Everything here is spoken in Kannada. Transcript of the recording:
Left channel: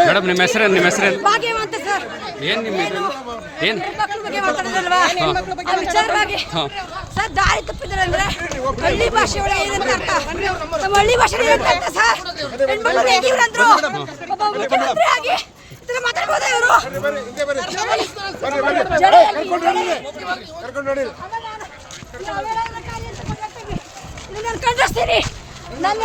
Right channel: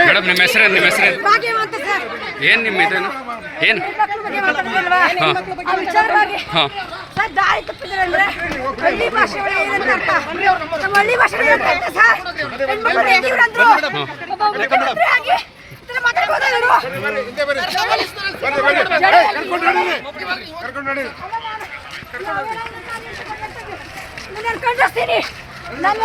ಮೇಡಮ್ ನಿಮ್ಮ ಹೆಸರು ನಿಮ್ಮ ಹೆಸರು? ಭಾಗ್ಯವಂತ ಸರ್. ಏನು ನಿಮ್ಮ ಇದೇನು ಏನು? ಹಾಂ. ಸರ್ ದಾರಿ ತಪ್ಪಿದ್ರೆ ಅಂದ್ರೆ ಹಳ್ಳಿ ಭಾಷೆ ಒಳಗೆ ಏನಂತ ಅರ್ಥ. ನಮ್ಮ ಹಳ್ಳಿ ಭಾಷೆ ಏನಂತ ಅರ್ಥ ಸರ್. ಹೆಣ್ಮಕ್ಳು ಹೇಗಿದ್ರು ಅಂದ್ರು ಒಬ್ಬ ಮುಖ್ಯಮಂತ್ರಿ ಆಗಿ ಇದನ್ನ ಮಾತಾಡ್ಬೋದಾ ಇವರು? ನನ್ನ